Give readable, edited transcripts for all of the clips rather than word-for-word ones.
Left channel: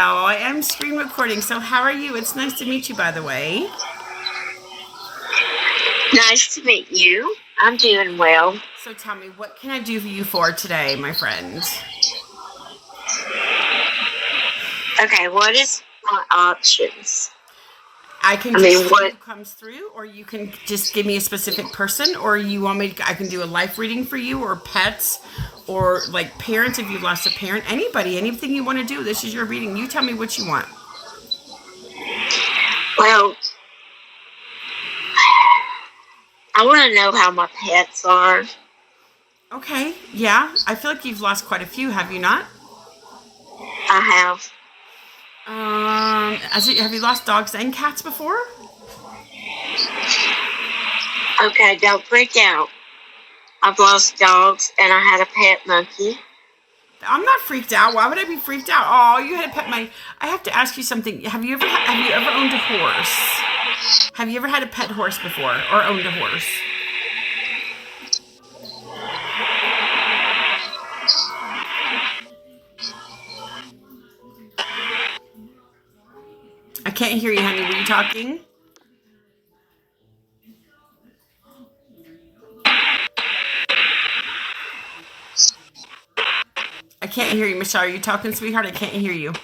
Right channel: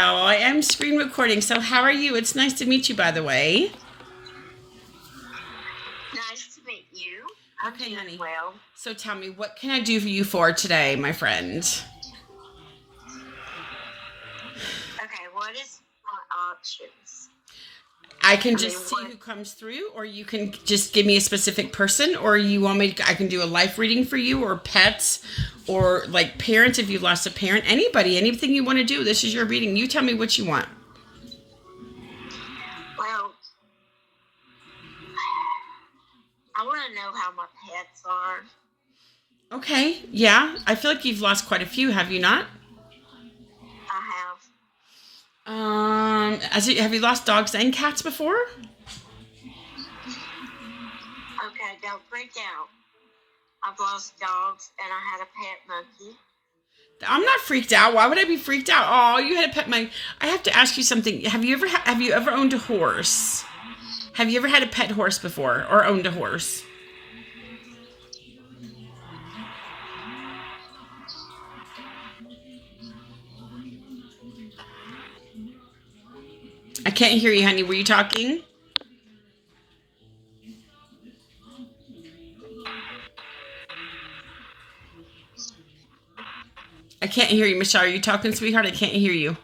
Oh, I am screen recording. So, how are you? It's nice to meet you, by the way. Nice to meet you. I'm doing well. So, tell me, what can I do for you for today, my friend? Okay, what is my options? I can I just mean, see what? who comes through, or you can just give me a specific person, or you want me to, I can do a life reading for you, or pets, or like parents if you lost a parent. Anybody, anything you want to do. This is your reading. You tell me what you want. Well, I want to know how my pets are. Okay, yeah. I feel like you've lost quite a few, have you not? I have. Have you lost dogs and cats before? Okay, don't freak out. I've lost dogs and I had a pet monkey. I'm not freaked out. Why would I be freaked out? Oh, you had a pet. I have to ask you something. Have you ever owned a horse? Have you ever had a pet horse before or owned a horse? I can't hear you, honey. Were you talking? I can't hear you, Michelle. Are you talking, sweetheart? I can't hear you.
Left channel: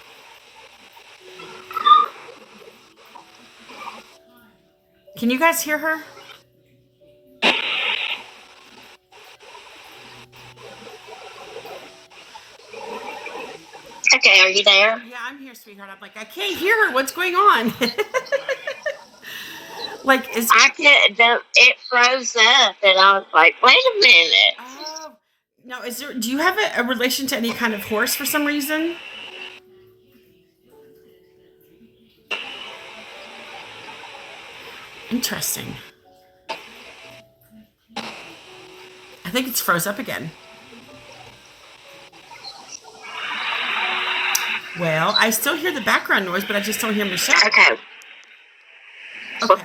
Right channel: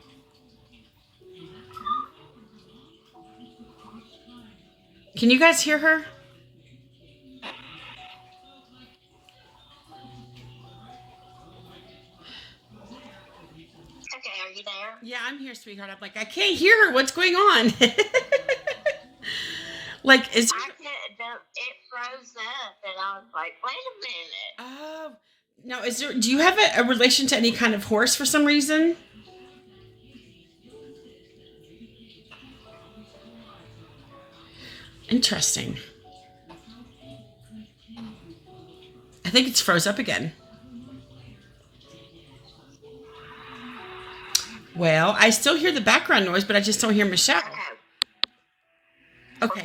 Can you guys hear her? Okay, are you there? Yeah, I'm here, sweetheart. I'm like, I can't hear her. What's going on? Like, is I could. It froze up, and I was like, "Wait a minute." oh now is there? Do you have a relation to any kind of horse for some reason? Interesting. I think it's froze up again. Well, I still hear the background noise, but I just don't hear Michelle. Okay. Okay.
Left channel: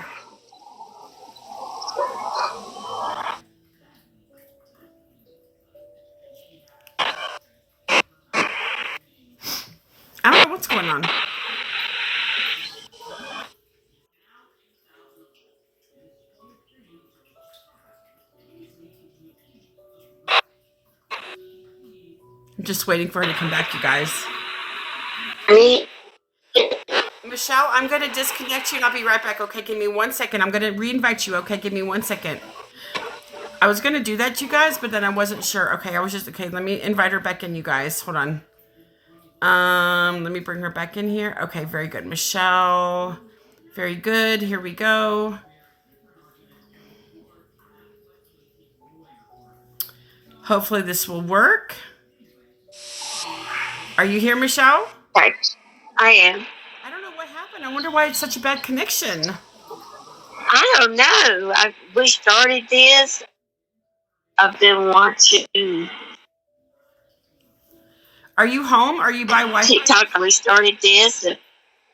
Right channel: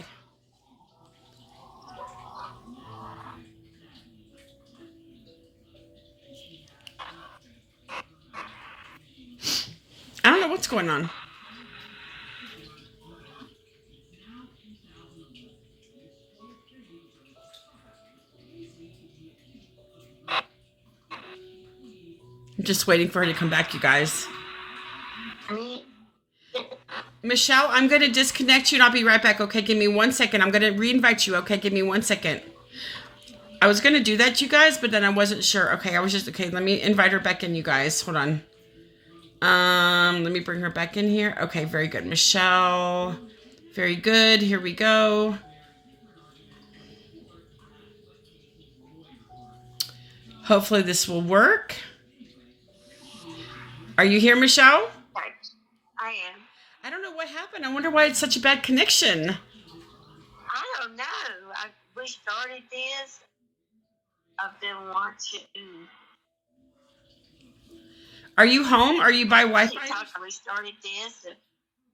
I don't know what's going on. I'm just waiting for her to come back, you guys. Me. Michelle, I'm going to disconnect you and I'll be right back. Okay, give me 1 second. I'm going to re-invite you. Okay, give me 1 second. I was going to do that, you guys, but then I wasn't sure. Okay, okay, let me invite her back in, you guys. Hold on. Let me bring her back in here. Okay, very good. Michelle. Very good. Here we go. Hopefully this will work. Are you here, Michelle? Okay. I am. I don't know what happened. I wonder why it's such a bad connection. I don't know. We started this. I've been watching Are you home? Are you by Wi-Fi? TikTok. We started this, and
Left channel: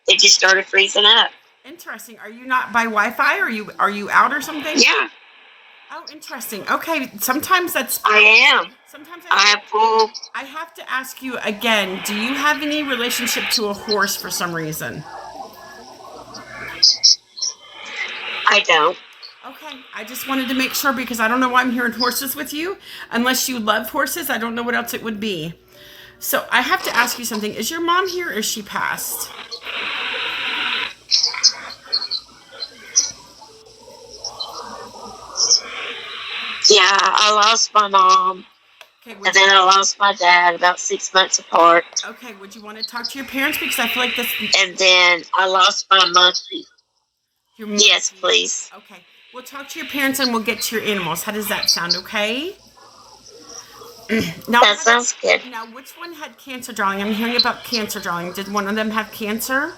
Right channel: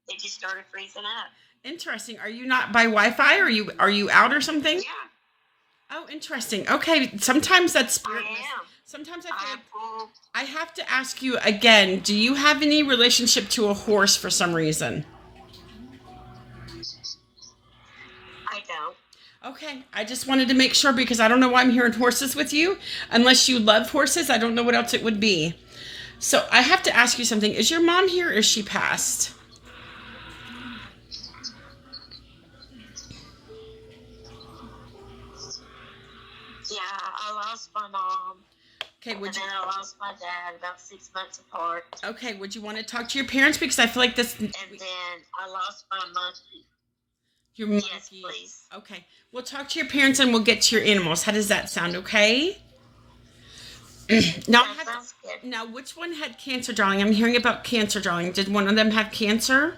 it just started freezing up. Interesting. Are you not by Wi-Fi? Are you out or something? Yeah, Oh, interesting. Okay. Sometimes that's. I am. Sometimes I have full. I have to ask you again. Do you have any relationship to a horse for some reason? I don't. Okay. I just wanted to make sure because I don't know why I'm hearing horses with you. Unless you love horses, I don't know what else it would be. So I have to ask you something. Is your mom here or is she passed? Yeah, I lost my mom, Okay. and then I lost my dad about 6 months apart, Okay. Would you want to talk to your parents because I feel like this. and then I lost my monkey. Your Yes, monkey. please. Okay. We'll talk to your parents and we'll get to your animals. How does that sound? Okay. Now, That sounds good. now, which one had cancer, darling? I'm hearing about cancer, darling. Did one of them have cancer?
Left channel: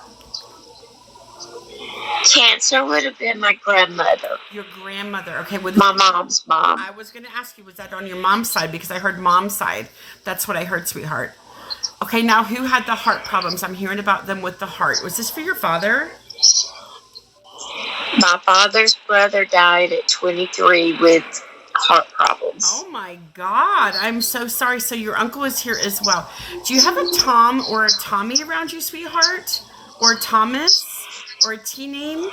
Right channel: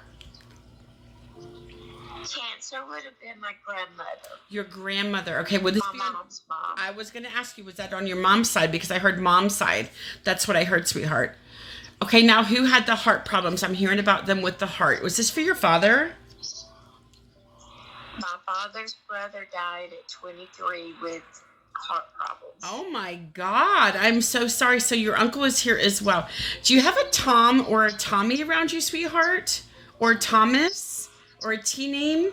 Cancer would have been my grandmother, Your grandmother. Okay. With my mom's mom. I was going to ask you, was that on your mom's side? Because I heard mom's side. That's what I heard, sweetheart. Okay. Now, who had the heart problems? I'm hearing about them with the heart. Was this for your father? My father's brother died at 23 with heart problems. Oh my God. I'm so sorry. So your uncle is here as well. Do you have a Tom or a Tommy around you, sweetheart? Or Thomas? Or a T name?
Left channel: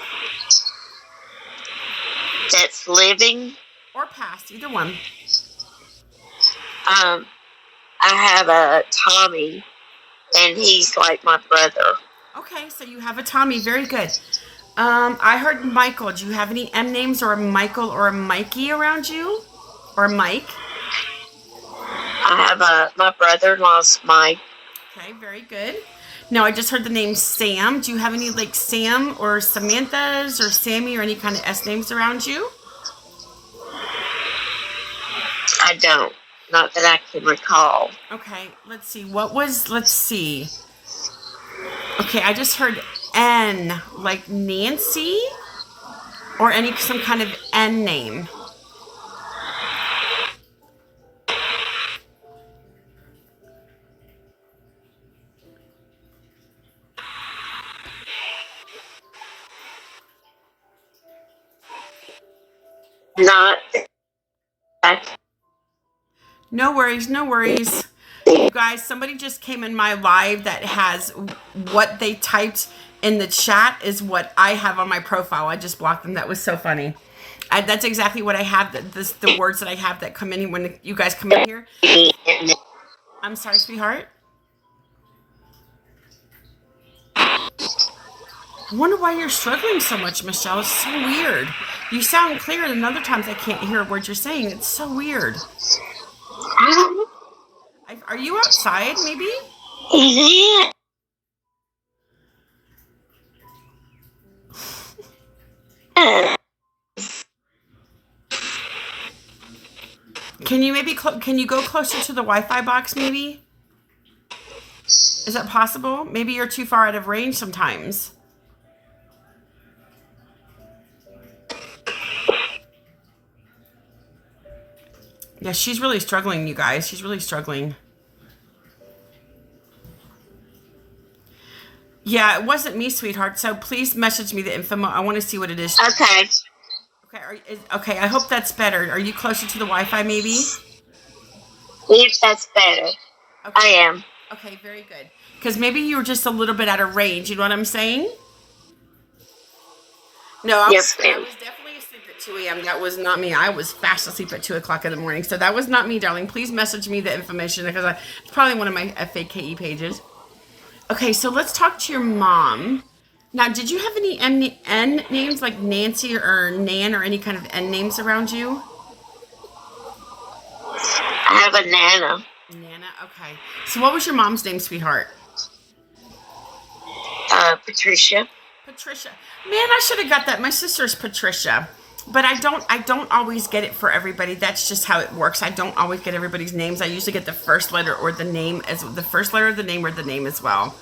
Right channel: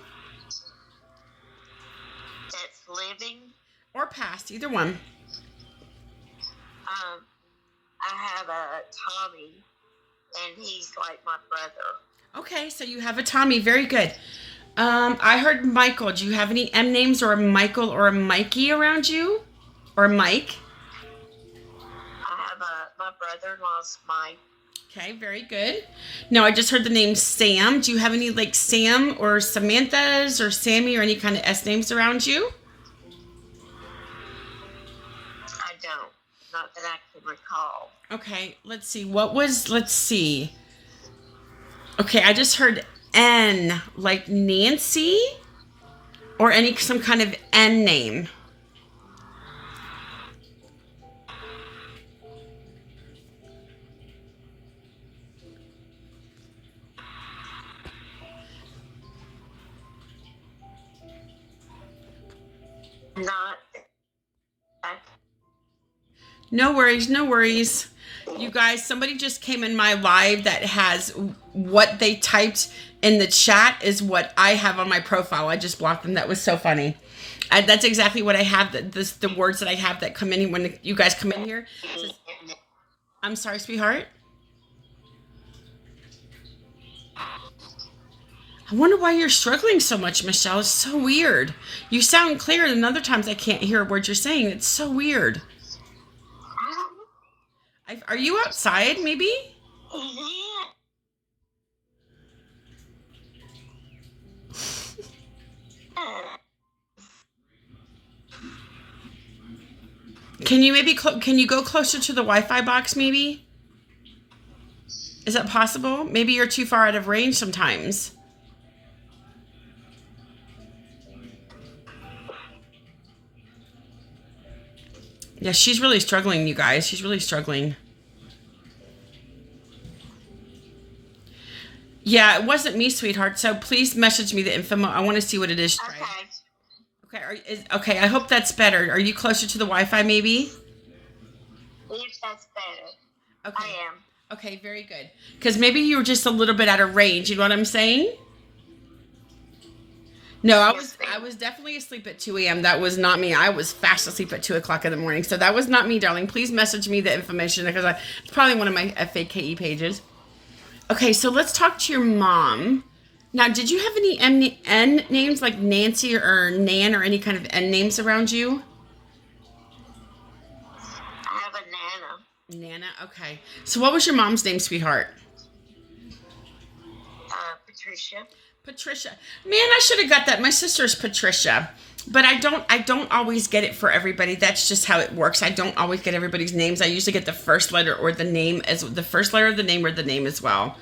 That's living. Or past, either one. I have a Tommy, and he's like my brother. Okay, so you have a Tommy. Very good. I heard Michael. Do you have any M names or a Michael or a Mikey around you? Or Mike? I have my brother-in-law's Mike. Okay, very good. Now, I just heard the name Sam. Do you have any like Sam or Samantha's or Sammy or any kind of S names around you? I don't. Not that I can recall. Okay, let's see. Let's see. Okay, I just heard N, like Nancy or some kind of N name. Not. No worries, no worries. You guys, somebody just came in my live that has what they typed in the chat is what I have on my profile. I just blocked them. That was so funny. That's exactly what I have. The words that I have that come in when you guys come in here. I'm sorry, sweetheart. I wonder why you're struggling so much, Michelle. It's so weird. You sound clear, and other times I can't hear a word you're saying. It's so weird. Are you outside, maybe? Yeah. Can you can you go closer to the Wi-Fi box, maybe? Is that possible? Maybe you're too far out of range sometimes. Yeah, she's really struggling, you guys. She's really struggling. Yeah, it wasn't me, sweetheart. So please message me the info. I want to see what it is. Okay. Okay, I hope that's better. Are you closer to the Wi-Fi, maybe? Yes, that's better. Okay. I am. Okay, very good. Because maybe you were just a little bit out of range. You know what I'm saying? No, I was definitely asleep at 2 a.m. That was not me. I was fast asleep at 2 o'clock in the morning. So that was not me, darling. Please message me the information because it's probably one of my FAKE pages. Okay, so let's talk to your mom. Now, did you have any N names like Nancy or Nan or any kind of N names around you? I have a Nana. Nana, okay. So what was your mom's name, sweetheart? Patricia. Patricia. Man, I should have got that. My sister's Patricia. But I don't always get it for everybody. That's just how it works. I don't always get everybody's names. I usually get the first letter or the name as the first letter of the name or the name as well.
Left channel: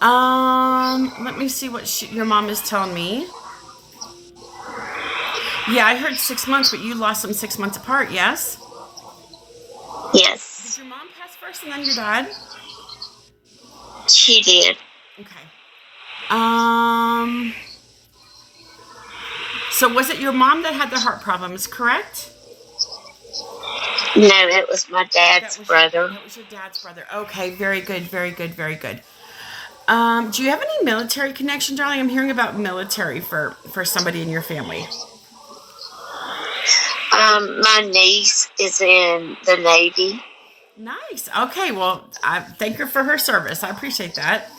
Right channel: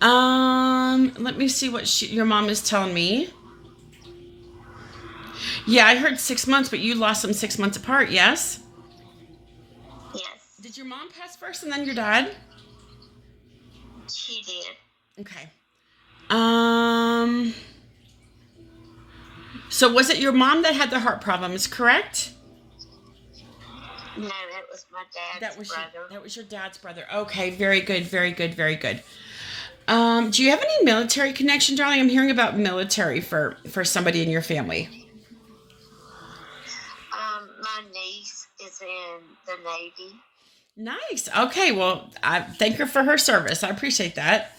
Let me see what your mom is telling me. Yeah, I heard 6 months, but you lost them 6 months apart, yes? Yes. Did your mom pass first and then your dad? She did. Okay. So was it your mom that had the heart problems, correct? No, it was my dad's brother. That was your dad's brother. Okay, very good, very good, very good. Do you have any military connection, darling? I'm hearing about military for somebody in your family. My niece is in the Navy. Nice. Okay, well, I thank her for her service. I appreciate that.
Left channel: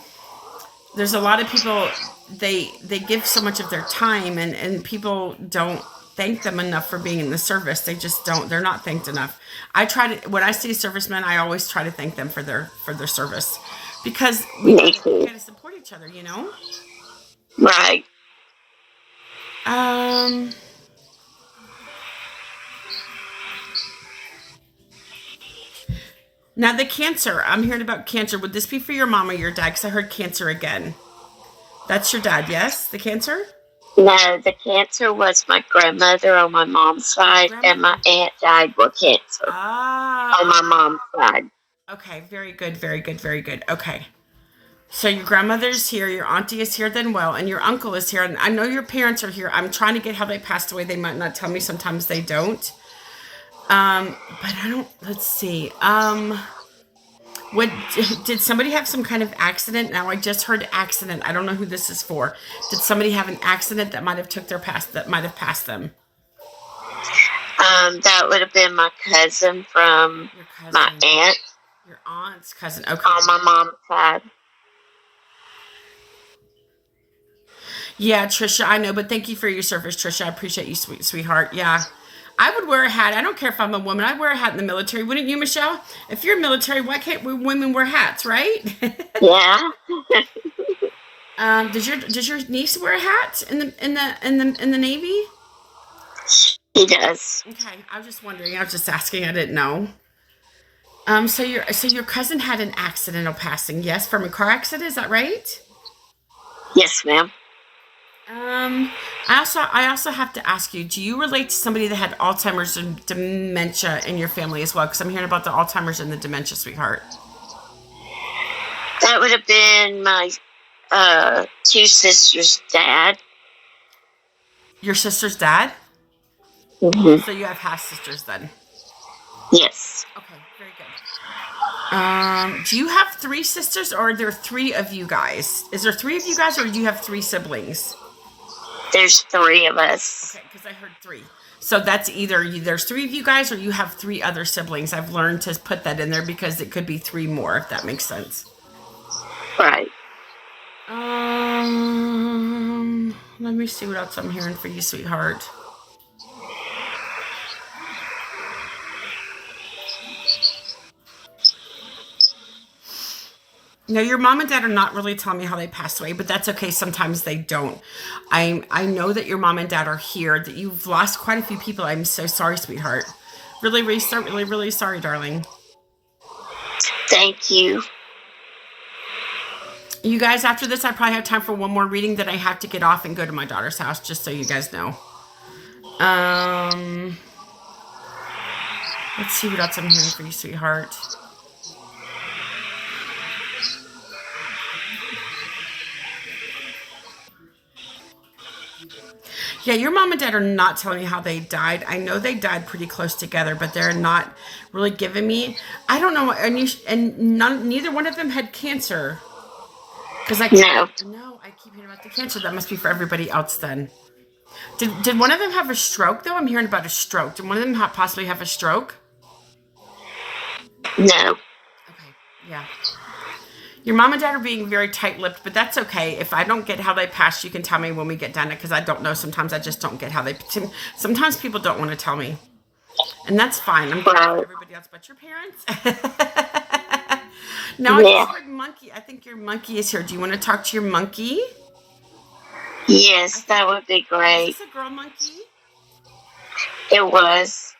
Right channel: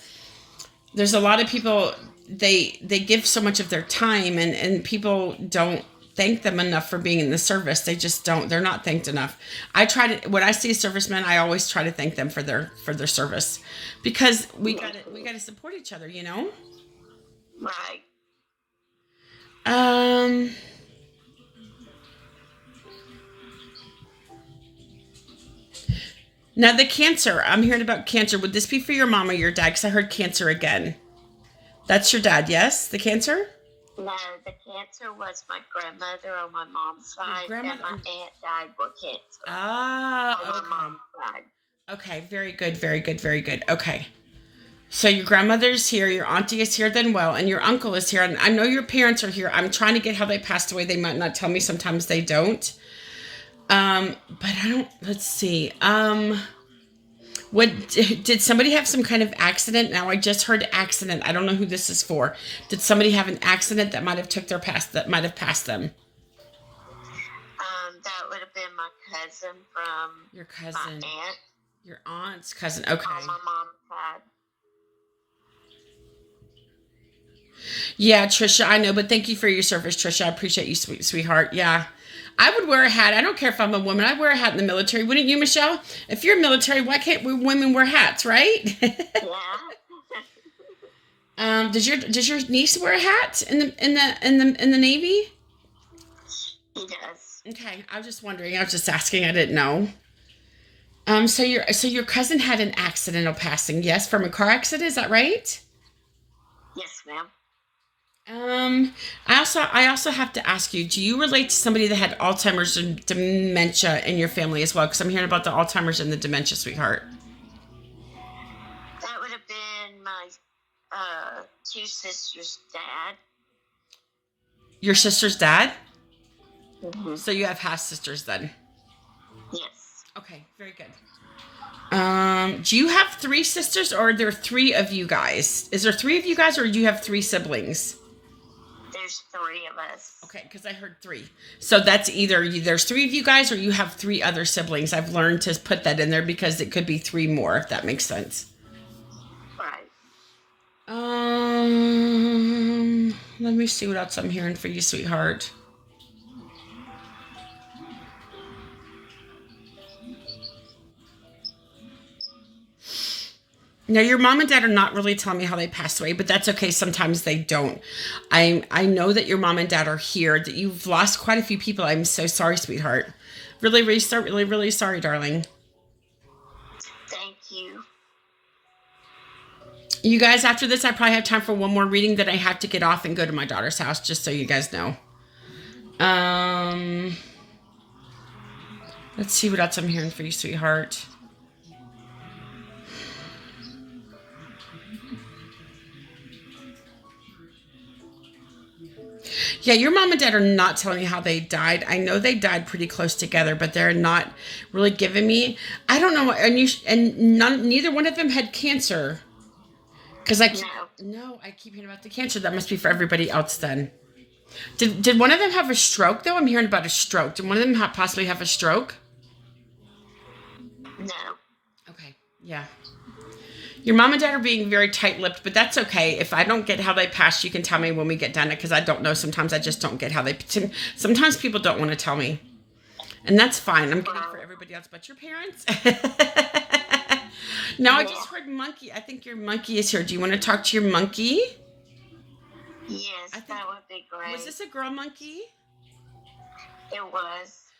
There's a lot of people, they give so much of their time and people don't thank them enough for being in the service. They just don't. They're not thanked enough. When I see servicemen, I always try to thank them for their service because we got to support each other, you know? Right. Now the cancer, I'm hearing about cancer. Would this be for your mom or your dad? Because I heard cancer again. That's your dad, yes? The cancer? No, the cancer was my grandmother on my mom's side, and my aunt died with cancer on my mom's side. Okay, very good, very good, very good. Okay. So your grandmother's here, your auntie is here then well, and your uncle is here. And I know your parents are here. I'm trying to get how they passed away. They might not tell me. Sometimes they don't. But I don't. Let's see. What did somebody have some kind of accident? Now I just heard accident. I don't know who this is for. Did somebody have an accident that might have took their past that might have passed them? That would have been my cousin from Your cousin. my aunt. Your aunt's cousin. Okay. On my mom's side. Yeah, Trisha, I know, but thank you for your service, Trisha. I appreciate you, sweetheart. Yeah. I would wear a hat. I don't care if I'm a woman. I'd wear a hat in the military. Wouldn't you, Michelle? If you're military, why can't women wear hats, right? Yeah. Does your niece wear a hat in the Navy? He does. Okay, I was just wondering. I was just asking. I didn't know. So your cousin had an accidental passing, yes, from a car accident. Is that right? Yes, ma'am. I also have to ask you, do you relate to somebody that had Alzheimer's and dementia in your family as well? Because I'm hearing about the Alzheimer's and the dementia, sweetheart. That would have been my two sisters' dad. Your sister's dad? Mm-hmm. So you have half sisters then? Yes. Okay, very good. Do you have 3 sisters, or are there 3 of you guys? Is there 3 of you guys, or do you have 3 siblings? There's 3 of us. Okay, because I heard 3. So that's either there's 3 of you guys, or you have 3 other siblings. I've learned to put that in there because it could be 3 more, if that makes sense. Right. Let me see what else I'm hearing for you, sweetheart. Now, your mom and dad are not really telling me how they passed away, but that's okay. Sometimes they don't. I know that your mom and dad are here, that you've lost quite a few people. I'm so sorry, sweetheart. Really, really sorry, darling. Thank you. You guys, after this, I probably have time for one more reading. Then I have to get off and go to my daughter's house, just so you guys know. Let's see what else I'm hearing for you, sweetheart. Yeah, your mom and dad are not telling me how they died. I know they died pretty close together, but they're not really giving me. I don't know. Neither one of them had cancer. Because I keep hearing about the cancer. That must be for everybody else then. Did one of them have a stroke though? I'm hearing about a stroke. Did one of them possibly have a stroke? No. Okay. Yeah. Your mom and dad are being very tight-lipped, but that's okay. If I don't get how they passed, you can tell me when we get done, because I don't know. Sometimes I just don't get how they... Sometimes people don't want to tell me. And that's fine. I'm glad for everybody else but your parents. Now, I just heard monkey. I think your monkey is here. Do you want to talk to your monkey? Yes, that would be great. Was this a girl monkey? It was.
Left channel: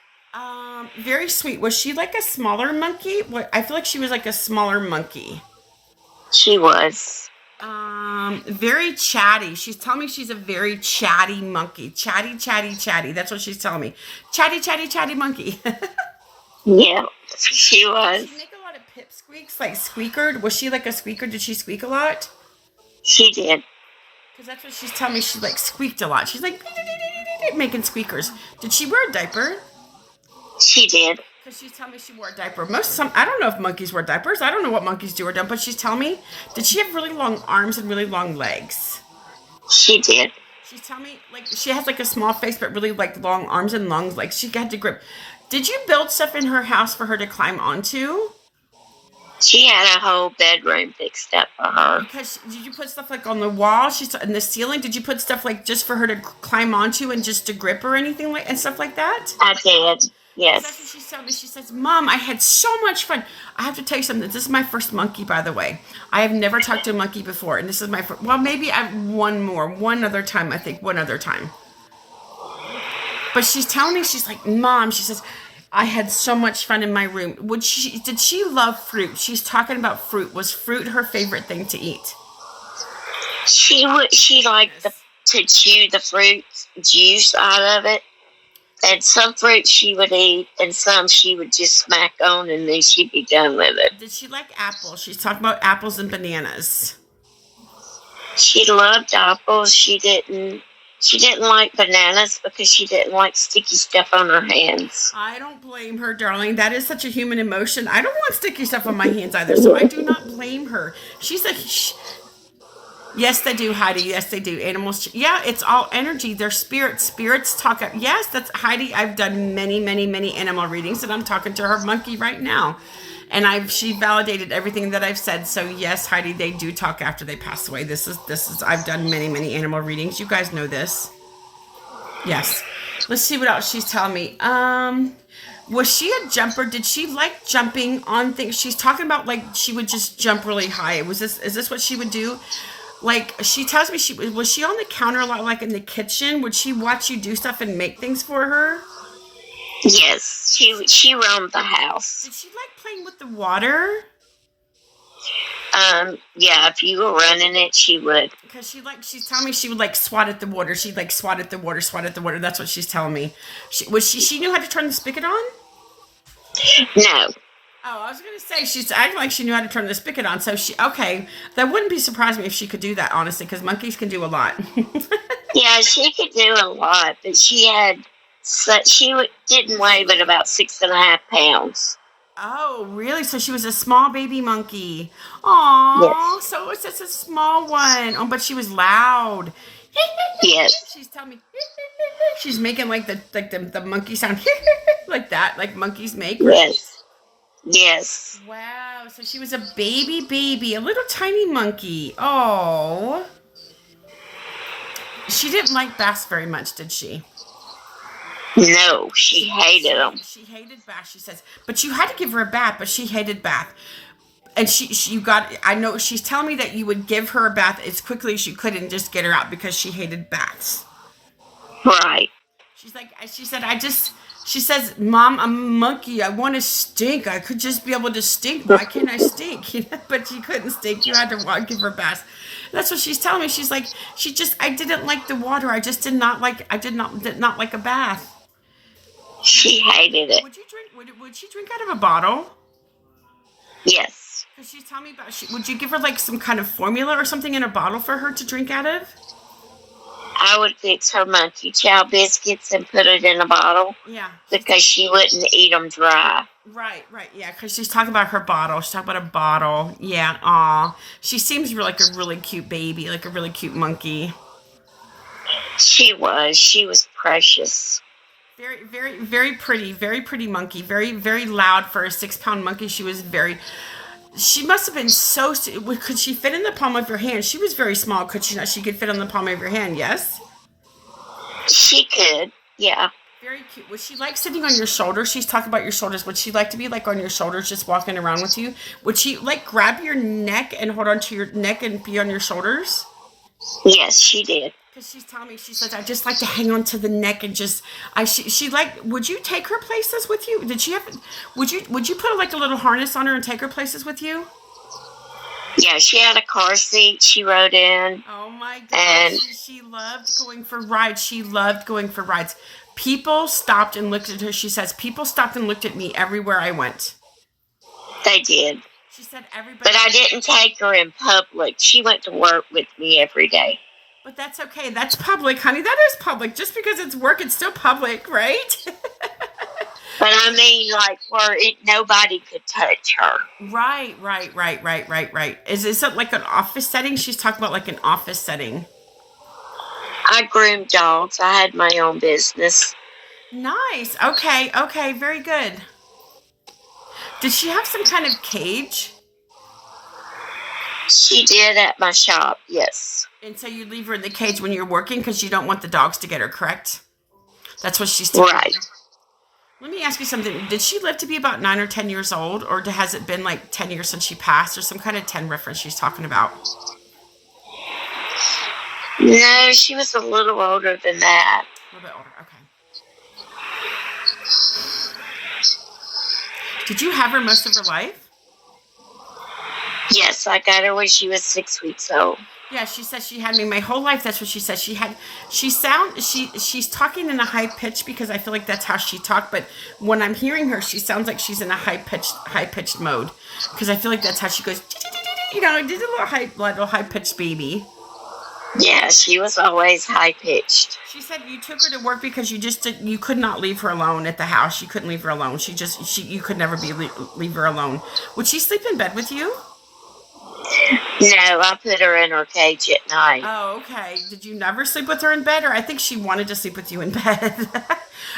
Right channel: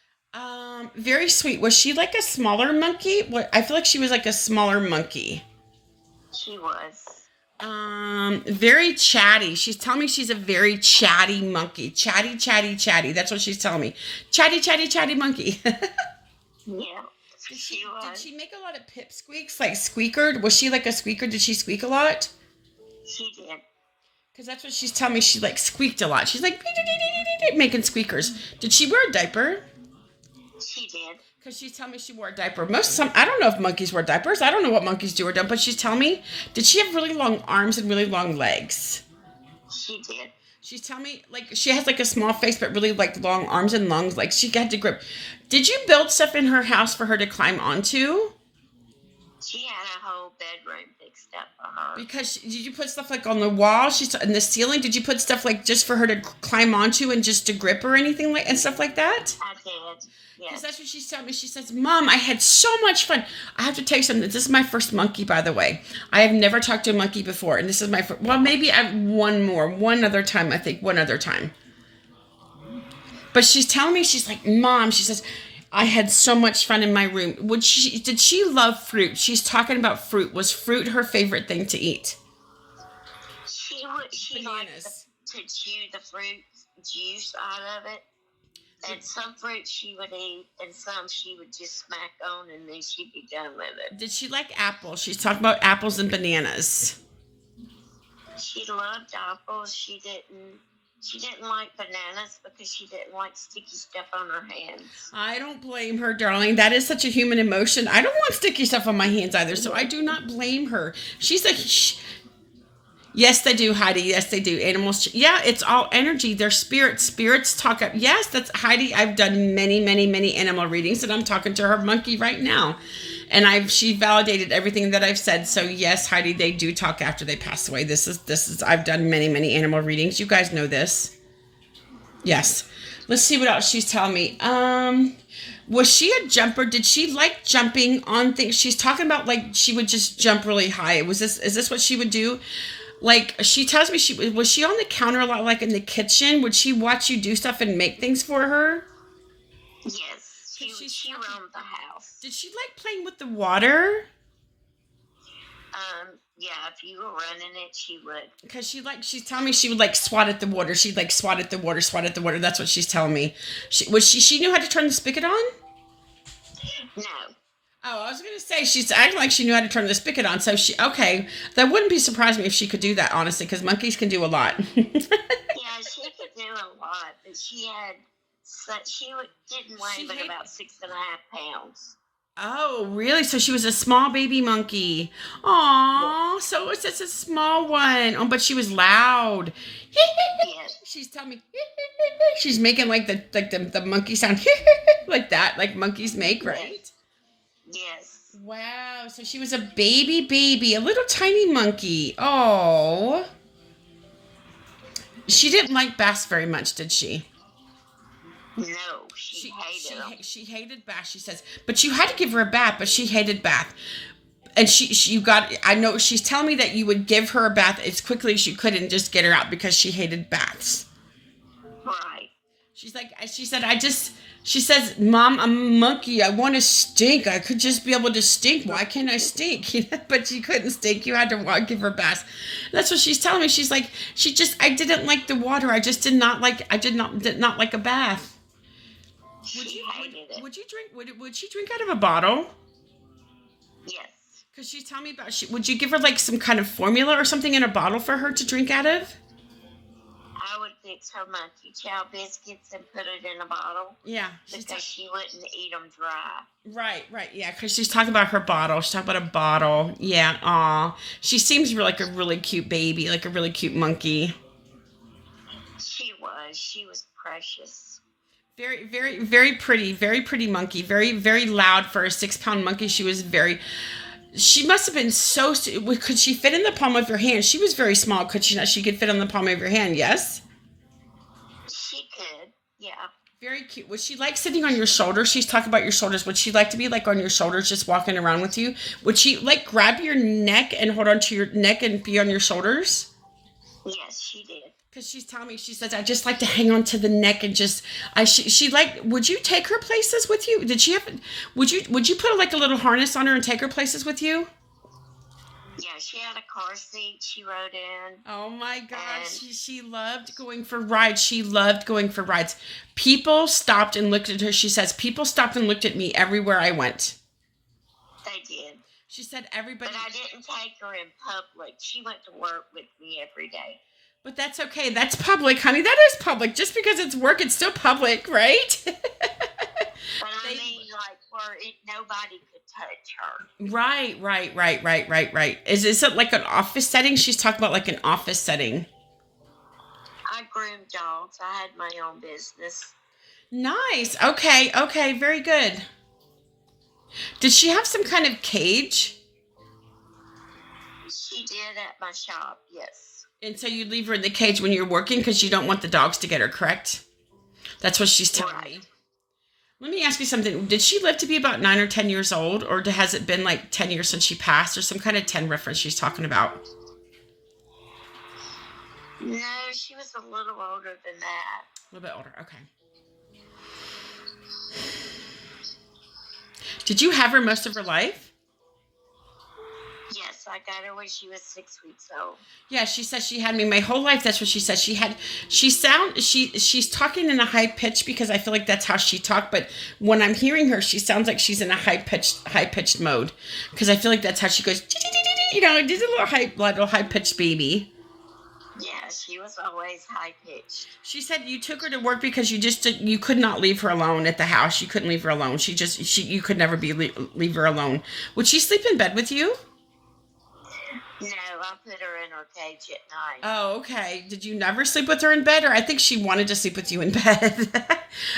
Very sweet. Was she like a smaller monkey? I feel like she was like a smaller monkey. She was. Very chatty. She's telling me she's a very chatty monkey. Chatty. That's what she's telling me. Chatty monkey. Yeah, she was. Did she make a lot of pip squeaks, like squeaker? Was she like a squeaker? Did she squeak a lot? She did. Because that's what she's telling me. She like squeaked a lot. She's like making squeakers. Did she wear a diaper? She did. Because she's telling me she wore a diaper. I don't know if monkeys wear diapers. I don't know what monkeys do or don't, but she's telling me, did she have really long arms and really long legs? She did. She's telling me, like, she has like a small face, but really like long arms and long legs. She had to grip. Did you build stuff in her house for her to climb onto? She had a whole bedroom fixed up for her. Because did you put stuff like on the wall? She's in the ceiling. Did you put stuff like just for her to climb onto and just to grip or anything like and stuff like that? I did. Yes. That's what she's telling me. She says, Mom, I had so much fun. I have to tell you something. This is my first monkey, by the way. I have never talked to a monkey before. And this is my first. Well, maybe I have one other time. But she's telling me, she's like, Mom, she says, I had so much fun in my room. Did she love fruit? She's talking about fruit. Was fruit her favorite thing to eat? She liked to chew the fruit juice out of it. And some fruit she would eat, and some she would just smack on, and then she'd be done with it. Did she like apples? She's talking about apples and bananas. She loved apples. She didn't She didn't like bananas because she didn't like sticky stuff on her hands. I don't blame her, darling. That is such a human emotion. I don't want sticky stuff on my hands either, so I do not blame her. She's like, yes, they do, Heidi. Yes, they do. Animals, yeah, it's all energy. They're spirits. Spirits talk up. Yes, that's Heidi. I've done many, many, many animal readings, and I'm talking to her monkey right now. And she validated everything that I've said. So yes, Heidi, they do talk after they pass away. This is I've done many, many animal readings. You guys know this. Yes. Let's see what else she's telling me. Was she a jumper? Did she like jumping on things? She's talking about like she would just jump really high. Is this what she would do? Like she tells me was she on the counter a lot, like in the kitchen? Would she watch you do stuff and make things for her? Yes, she roamed the house. Did she like playing with the water? Yeah, if you were running it, she would. Because she's telling me she would like swat at the water. She'd like swat at the water. That's what she's telling me. She knew how to turn the spigot on? No. Oh, I was going to say, she's acting like she knew how to turn the spigot on. So okay, that wouldn't be surprised me if she could do that, honestly, because monkeys can do a lot. Yeah, she could do a lot, but didn't weigh but about 6.5 pounds. Oh, really? So she was a small baby monkey. Aww, yes. So it's just a small one. Oh, but she was loud. Yes. She's telling me, she's making like the monkey sound like that, like monkeys make. Right? Yes. Yes. Wow. So she was a baby, a little tiny monkey. Oh. She didn't like baths very much, did she? No, she hated them. She hated bath, she says. But you had to give her a bath, but she hated bath. And I know she's telling me that you would give her a bath as quickly as you could and just get her out because she hated baths. Right. She says, Mom, I'm a monkey. I want to stink. I could just be able to stink. Why can't I stink? But she couldn't stink. You had to give her baths. That's what she's telling me. She's like, I didn't like the water. I did not like a bath. She hated it. Would you drink? Would she drink out of a bottle? Yes. Because she's telling me about. Would you give her like some kind of formula or something in a bottle for her to drink out of? I would fix her monkey chow biscuits and put it in a bottle. Yeah. Because she wouldn't eat them dry. Right. Yeah. Because she's talking about her bottle. She's talking about a bottle. Yeah. Aw. She seems like a really cute baby, like a really cute monkey. She was precious. Very, very, very pretty monkey. Very, very loud for a 6-pound monkey. She must have been so. Could she fit in the palm of your hand? She was very small. Could she not? She could fit on the palm of your hand. Yes. She could. Yeah. Very cute. Was she like sitting on your shoulders? She's talking about your shoulders. Would she like to be like on your shoulders, just walking around with you? Would she like grab your neck and hold onto your neck and be on your shoulders? Yes, she did. Because she's telling me, she says, I just like to hang on to the neck and just, would you take her places with you? Would you put like a little harness on her and take her places with you? Yeah, she had a car seat she rode in. Oh my gosh, she loved going for rides. People stopped and looked at her. She says, people stopped and looked at me everywhere I went. They did. She said everybody. But I didn't take her in public. She went to work with me every day. But that's okay. That's public, honey. That is public. Just because it's work, it's still public, right? But I mean, like, where nobody could touch her. Right. Is it like an office setting? She's talking about like an office setting. I groomed dogs. I had my own business. Nice. Okay. Very good. Did she have some kind of cage? She did at my shop, yes. And so you leave her in the cage when you're working because you don't want the dogs to get her, correct? That's what she's telling me. Let me ask you something. Did she live to be about 9 or 10 years old, or has it been like 10 years since she passed, or some kind of 10 reference she's talking about? No, she was a little older than that. A little bit older, okay. Did you have her most of her life? Yes, I got her when she was 6 weeks old. Yeah, she says she had me my whole life. That's what she says. She's talking in a high pitch because I feel like that's how she talked. But when I'm hearing her, she sounds like she's in a high pitched mode because I feel like that's how she goes. You know, just a little high pitched baby. Yeah, she was always high pitched. She said you took her to work because you could not leave her alone at the house. You couldn't leave her alone. You could never leave her alone. Would she sleep in bed with you? No, I put her in her cage at night. Oh, okay. Did you never sleep with her in bed, or I think she wanted to sleep with you in bed?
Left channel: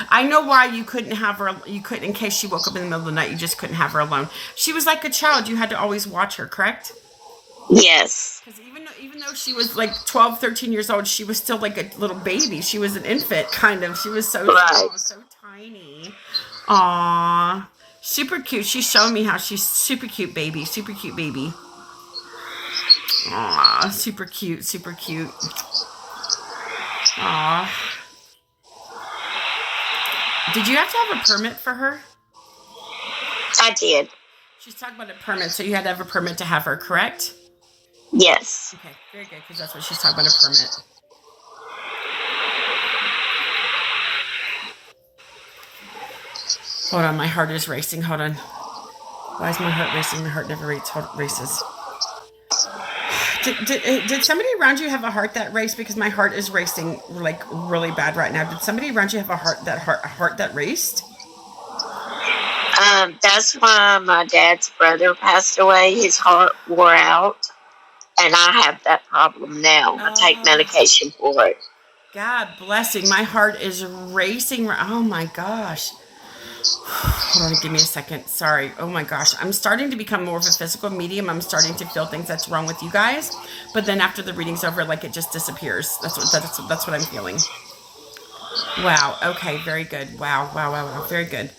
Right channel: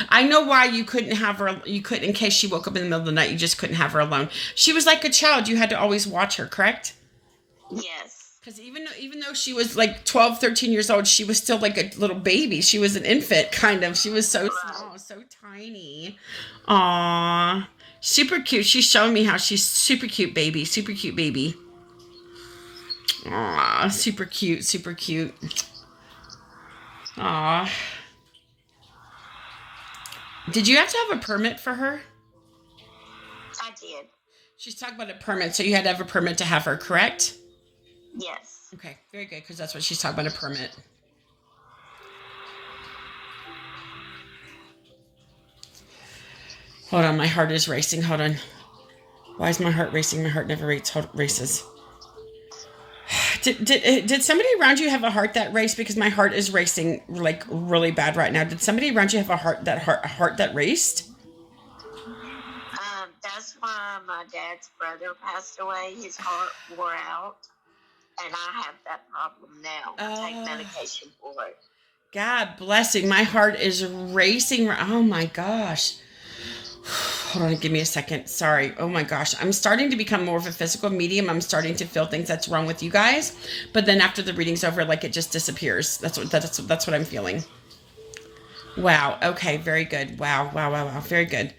I know why you couldn't have her. You couldn't, in case she woke up in the middle of the night. You just couldn't have her alone. She was like a child. You had to always watch her, correct? Yes. Because even though she was like 12, 13 years old, she was still like a little baby. She was an infant, kind of. She was so small, so tiny. Aww. Super cute. She's showing me how she's super cute baby. Super cute baby. Aw, super cute, super cute. Aw. Did you have to have a permit for her? I did. She's talking about a permit, so you had to have a permit to have her, correct? Yes. Okay, very good, because that's what she's talking about, a permit. Hold on, my heart is racing. Hold on. Why is my heart racing? My heart never races. Did somebody around you have a heart that raced? Because my heart is racing like really bad right now. Did somebody around you have a heart that raced? That's why my dad's brother passed away. His heart wore out, and I have that problem now. I take medication for it. God blessing. My heart is racing. Oh my gosh. Hold on, give me a second. Sorry. Oh my gosh. I'm starting to become more of a physical medium. I'm starting to feel things that's wrong with you guys. But then after the reading's over, like it just disappears. That's what I'm feeling. Wow. Okay. Very good. Wow. Very good.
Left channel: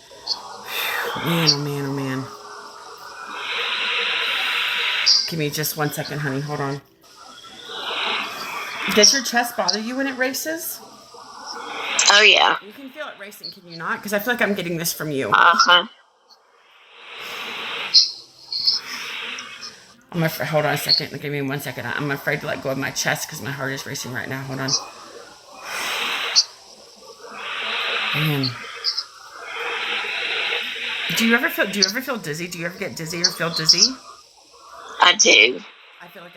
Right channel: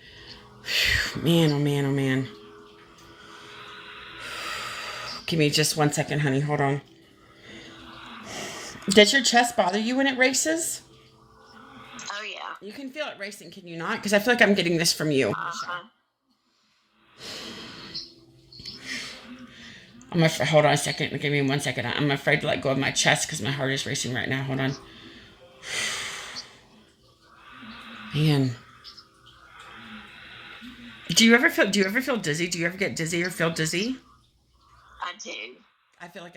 Man, oh man, oh man. Give me just 1 second, honey. Hold on. Does your chest bother you when it races? Oh, yeah. You can feel it racing, can you not? Because I feel like I'm getting this from you. Uh-huh. Hold on a second. Give me 1 second. I'm afraid to let go of my chest because my heart is racing right now. Hold on. Man. Do you ever feel dizzy? Do you ever get dizzy or feel dizzy? I do. I feel like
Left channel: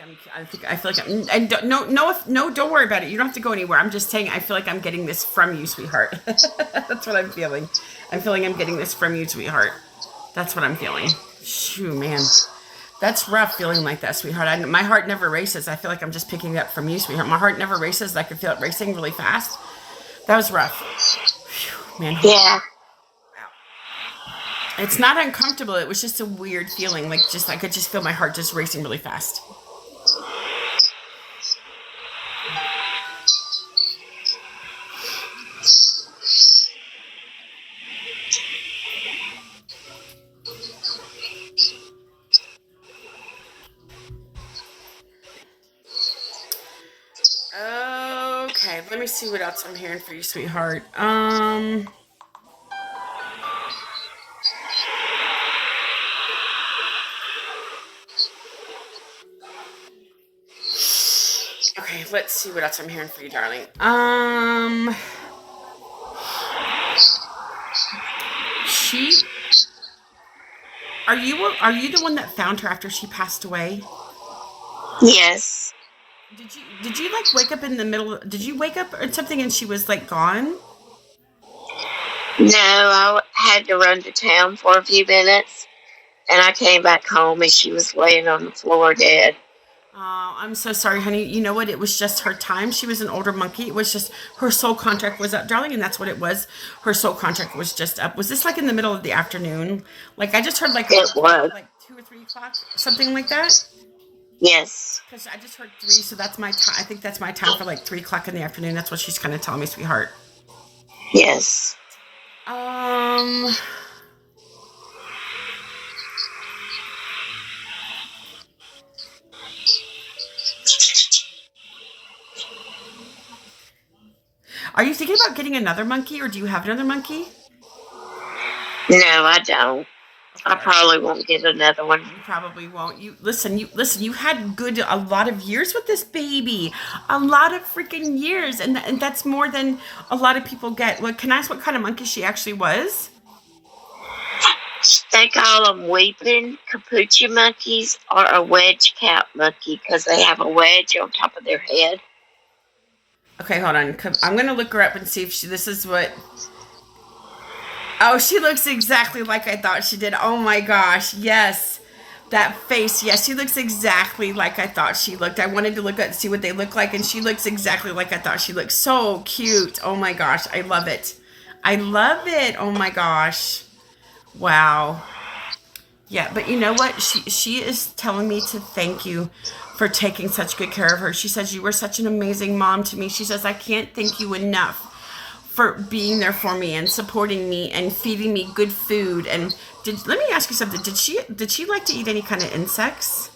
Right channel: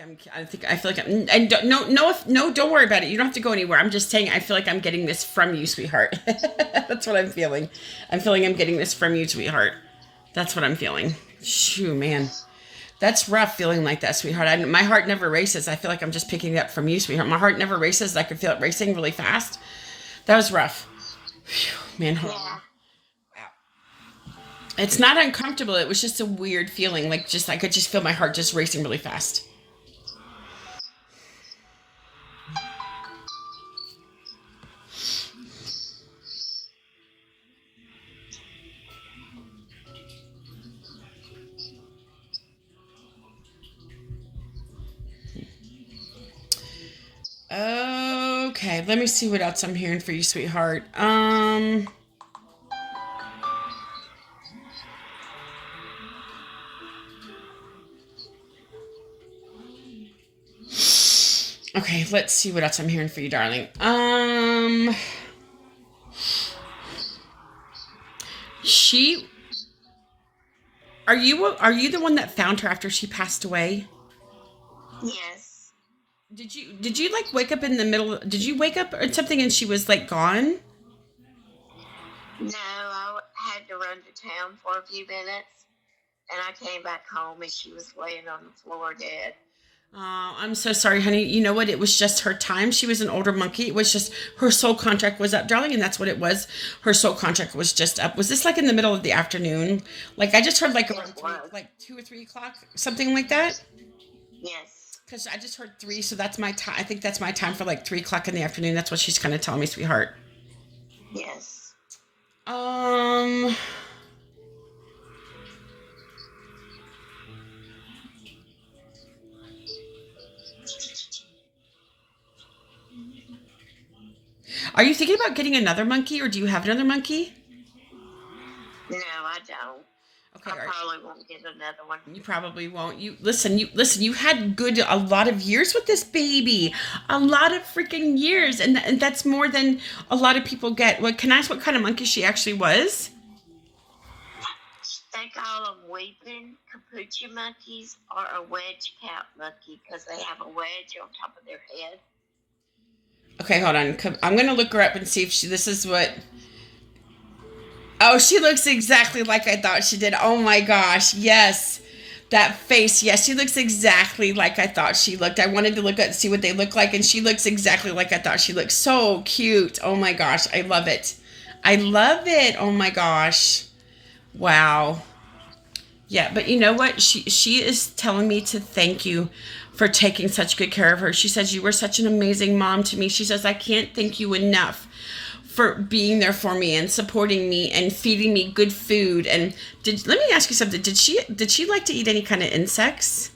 I'm, and no, don't worry about it. You don't have to go anywhere. I'm just saying, I feel like I'm getting this from you, sweetheart. That's what I'm feeling. I'm feeling I'm getting this from you, sweetheart. That's what I'm feeling. Shoo, man. That's rough feeling like that, sweetheart. My heart never races. I feel like I'm just picking it up from you, sweetheart. My heart never races. I can feel it racing really fast. That was rough. Whew, man. Yeah. It's not uncomfortable. It was just a weird feeling. Like I could just feel my heart just racing really fast. Okay, let me see what else I'm hearing for you, sweetheart. Okay, let's see what else I'm hearing for you, darling. Are you the one that found her after she passed away? Yes. Did you like wake up in the middle? Did you wake up or something and she was like gone? No, I had to run to town for a few minutes, and I came back home and she was laying on the floor dead. Oh, I'm so sorry, honey. You know what? It was just her time. She was an older monkey. It was just her soul contract was up, darling, and that's what it was. Her soul contract was just up. Was this like in the middle of the afternoon? Like I just heard like it was like 2 or 3 o'clock, something like that. Yes. Because I just heard 3, so that's my time. I think that's my time for like 3 o'clock in the afternoon. That's what she's kind of telling me, sweetheart. Yes. Are you thinking about getting another monkey, or do you have another monkey? No, I don't. Okay, I probably won't get another one. You probably won't. You listen. You had a lot of years with this baby, a lot of freaking years, and that's more than a lot of people get. What can I ask? What kind of monkey she actually was? They call them weeping capuchin monkeys or a wedge cap monkey because they have a wedge on top of their head. Okay, hold on. I'm gonna look her up and see if this is what. Oh, she looks exactly like I thought she did. Oh my gosh, yes. That face, yes, she looks exactly like I thought she looked. I wanted to look at see what they look like, and she looks exactly like I thought she looked. So cute. Oh my gosh, I love it. I love it. Oh my gosh. Wow. Yeah, but you know what? She is telling me to thank you for taking such good care of her. She says you were such an amazing mom to me. She says I can't thank you enough for being there for me and supporting me and feeding me good food. And let me ask you something. Did she like to eat any kind of insects?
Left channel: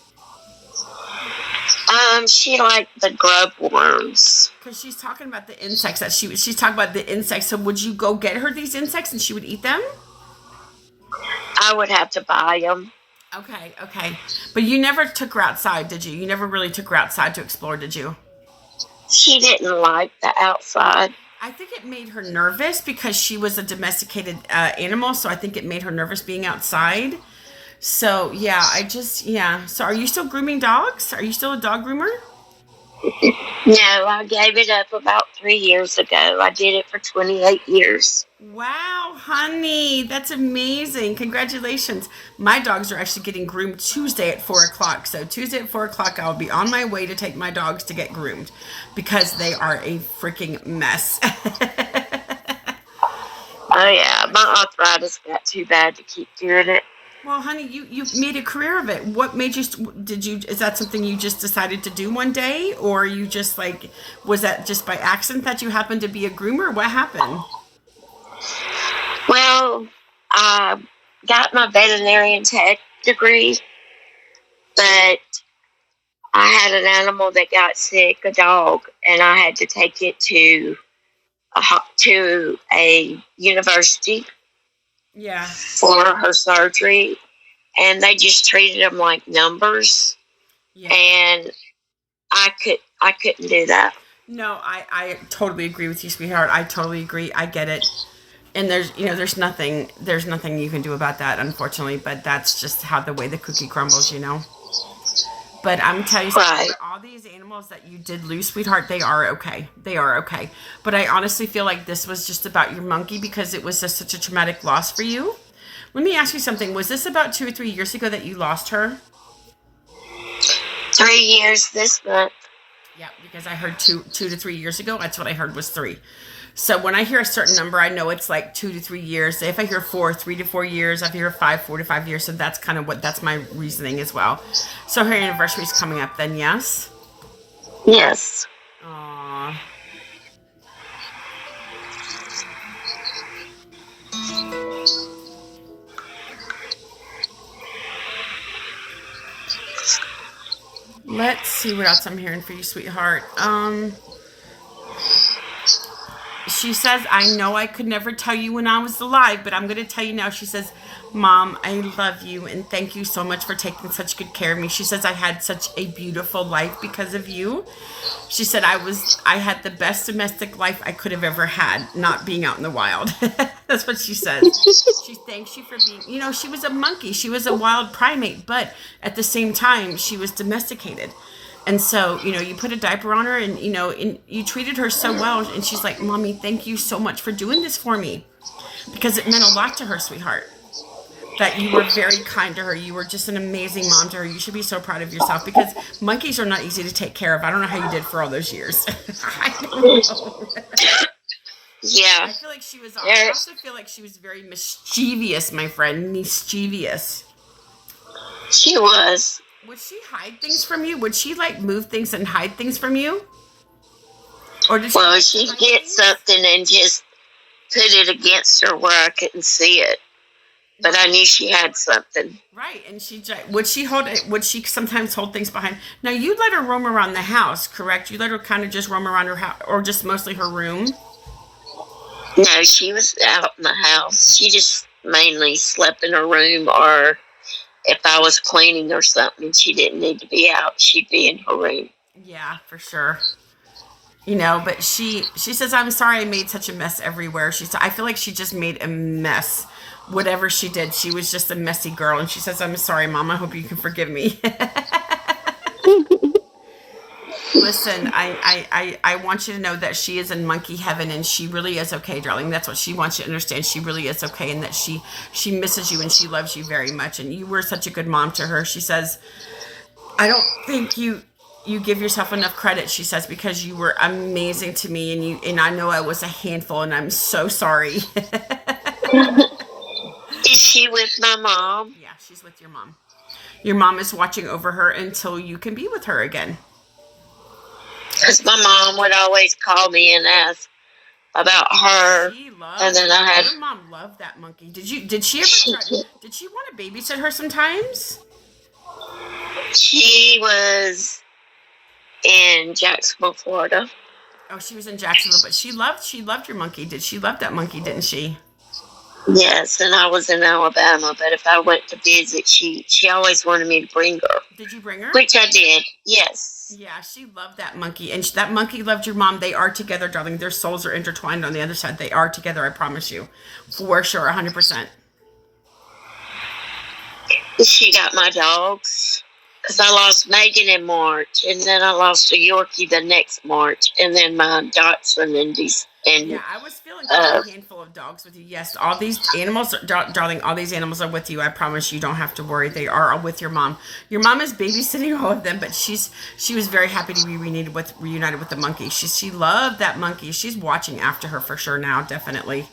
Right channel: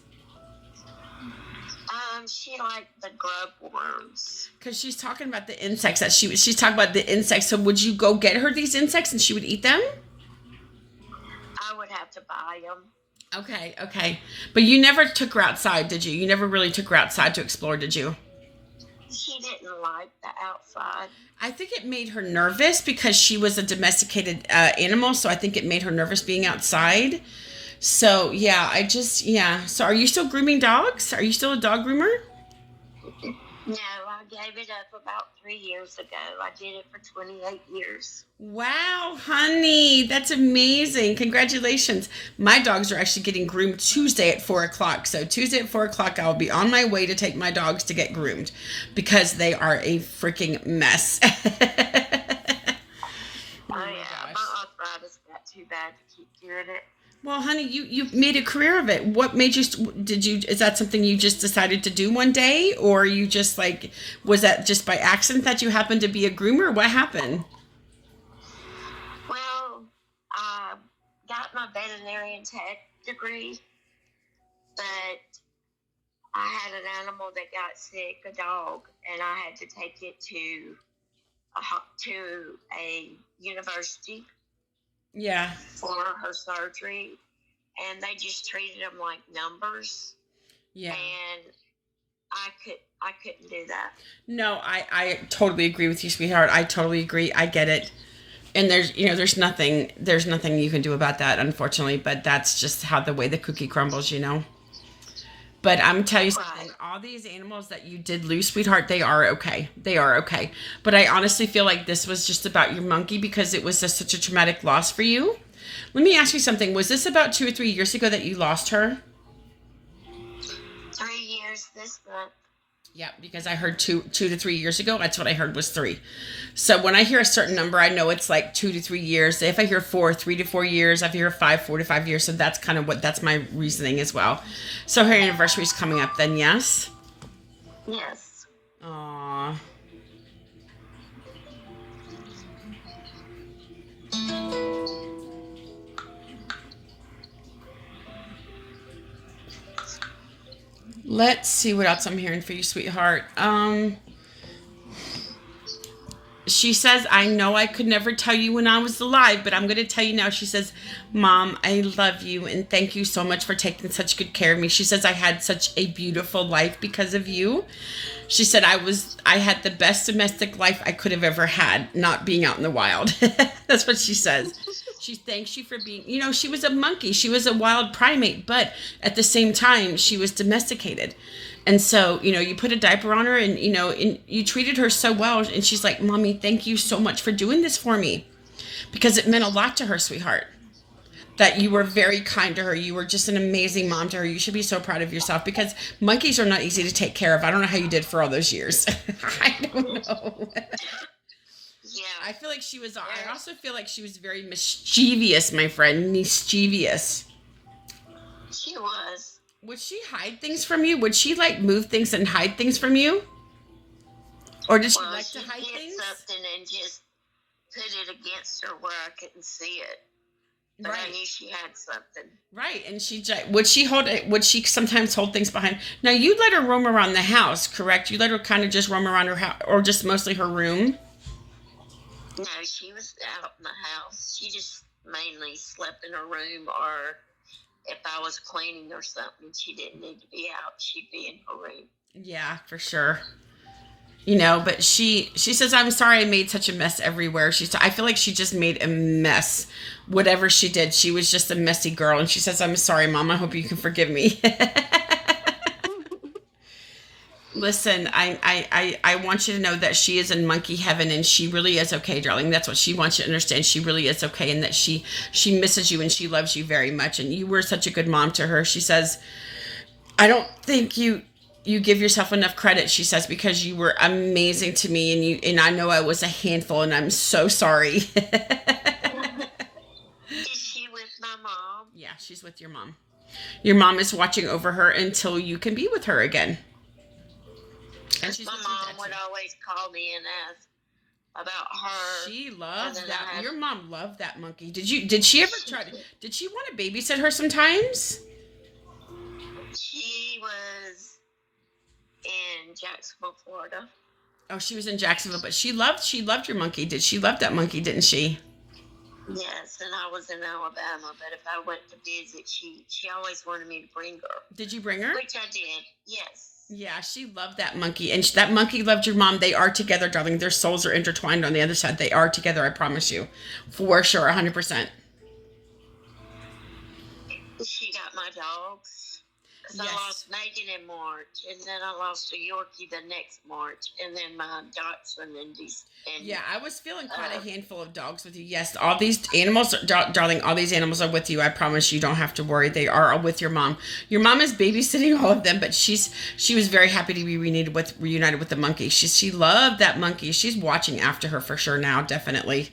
She liked the grub worms. Because she's talking about the insects that she's talking about the insects. So would you go get her these insects and she would eat them? I would have to buy them. Okay, okay. But you never took her outside, did you? You never really took her outside to explore, did you? She didn't like the outside. I think it made her nervous because she was a domesticated animal, so I think it made her nervous being outside. So, yeah. So, are you still grooming dogs? Are you still a dog groomer? No, I gave it up about 3 years ago. I did it for 28 years. Wow, honey, that's amazing. Congratulations. My dogs are actually getting groomed Tuesday at 4 o'clock. So, Tuesday at 4 o'clock, I'll be on my way to take my dogs to get groomed because they are a freaking mess. Oh, yeah. My arthritis got too bad to keep doing it. Well, honey, you made a career of it. What made you, is that something you just decided to do one day? Or you just was that just by accident that you happened to be a groomer? What happened? Well, I got my veterinarian tech degree, but I had an animal that got sick, a dog, and I had to take it to a university. Yeah. For her surgery, and they just treated them like numbers. Yeah. And I couldn't do that. No, I totally agree with you, sweetheart. I totally agree. I get it. And there's nothing you can do about that, unfortunately, but that's just how the way the cookie crumbles, But I'm telling you something, Right. all these animals that you did lose, sweetheart, they are okay. They are okay. But I honestly feel like this was just about your monkey because it was just such a traumatic loss for you. Let me ask you something. Was this about 2 or 3 years ago that you lost her? 3 years this month. Yeah, because I heard 2 to 3 years ago. That's what I heard was 3. So when I hear a certain number, I know it's like 2 to 3 years. If I hear 4, 3 to 4 years. If I hear 5, 4 to 5 years. So that's kind of that's my reasoning as well. So her anniversary is coming up then, yes? Yes. Aww. Let's see what else I'm hearing for you, sweetheart. She says, I know I could never tell you when I was alive, but I'm going to tell you now. She says, Mom, I love you and thank you so much for taking such good care of me. She says, I had such a beautiful life because of you. She said, I had the best domestic life I could have ever had, not being out in the wild. That's what she says. She thanks you for being, she was a monkey. She was a wild primate, but at the same time, she was domesticated. And so, you put a diaper on her and you treated her so well. And she's like, Mommy, thank you so much for doing this for me. Because it meant a lot to her, sweetheart. That you were very kind to her. You were just an amazing mom to her. You should be so proud of yourself because monkeys are not easy to take care of. I don't know how you did for all those years. I don't know. Yeah. I feel like I also feel like she was very mischievous, my friend. Mischievous. She was. Would she hide things from you? Would she move things and hide things from you? Or did she? Well, she'd get something and just put it against her where I couldn't see it. But I knew she had something. Right, and would she sometimes hold things behind? Now, you let her roam around the house, correct? You let her kind of just roam around her house, or just mostly her room? No, she was out in the house. She just mainly slept in her room, or if I was cleaning or something, she didn't need to be out. She'd be in her room. Yeah, for sure. But she says, I'm sorry I made such a mess everywhere. I feel like she just made a mess. Whatever she did, she was just a messy girl. And she says, I'm sorry, Mom. I hope you can forgive me. Listen, I want you to know that she is in monkey heaven and she really is okay, darling. That's what she wants you to understand. She really is okay and that she misses you and she loves you very much. And you were such a good mom to her. She says, I don't think you give yourself enough credit, she says, because you were amazing to me and I know I was a handful and I'm so sorry. Is she with my mom? Yeah, she's with your mom. Your mom is watching over her until you can be with her again. Because my mom would always call me and ask about her. She loved, and then I had, your mom loved that monkey. Did she ever try, did she want to babysit her sometimes? She was in Jacksonville, Florida. Oh, she was in Jacksonville, but she loved your monkey. She love that monkey, didn't she? Yes, and I was in Alabama, but if I went to visit, she always wanted me to bring her. Did you bring her? Which I did, yes. Yeah, she loved that monkey, and that monkey loved your mom. They are together, darling. Their souls are intertwined on the other side. They are together, I promise you. For sure, 100%. She got my dogs. Because I lost Megan in March, and then I lost a Yorkie the next March, and then my Dachshund in December. Yeah, I was feeling quite a handful of dogs with you. Yes, all these animals, darling, all these animals are with you. I promise you don't have to worry. They are all with your mom. Your mom is babysitting all of them, but she was very happy to be reunited with the monkey. She loved that monkey. She's watching after her for sure now, definitely.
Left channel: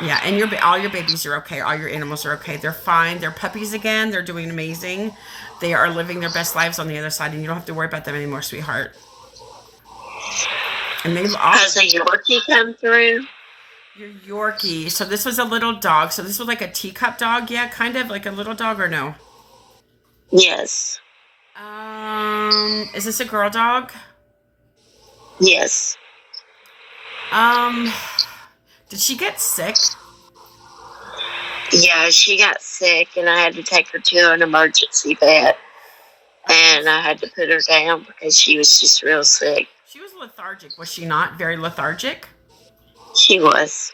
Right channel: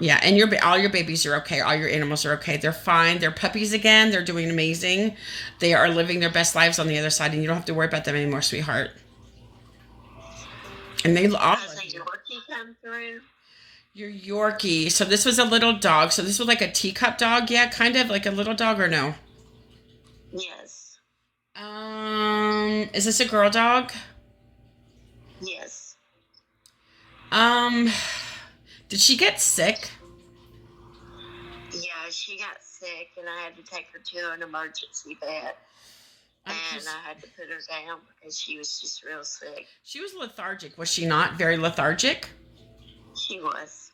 Yeah, and all your babies are okay. All your animals are okay. They're fine. They're puppies again. They're doing amazing. They are living their best lives on the other side, and you don't have to worry about them anymore, sweetheart. And they all. Has a Yorkie come through? Your Yorkie. So this was a little dog. So this was like a teacup dog, yeah, kind of like a little dog, or no? Yes. Is this a girl dog? Yes. Did she get sick? Yeah, she got sick, and I had to take her to an emergency vet. And I had to put her down because she was just real sick. She was lethargic, was she not? Very lethargic? She was.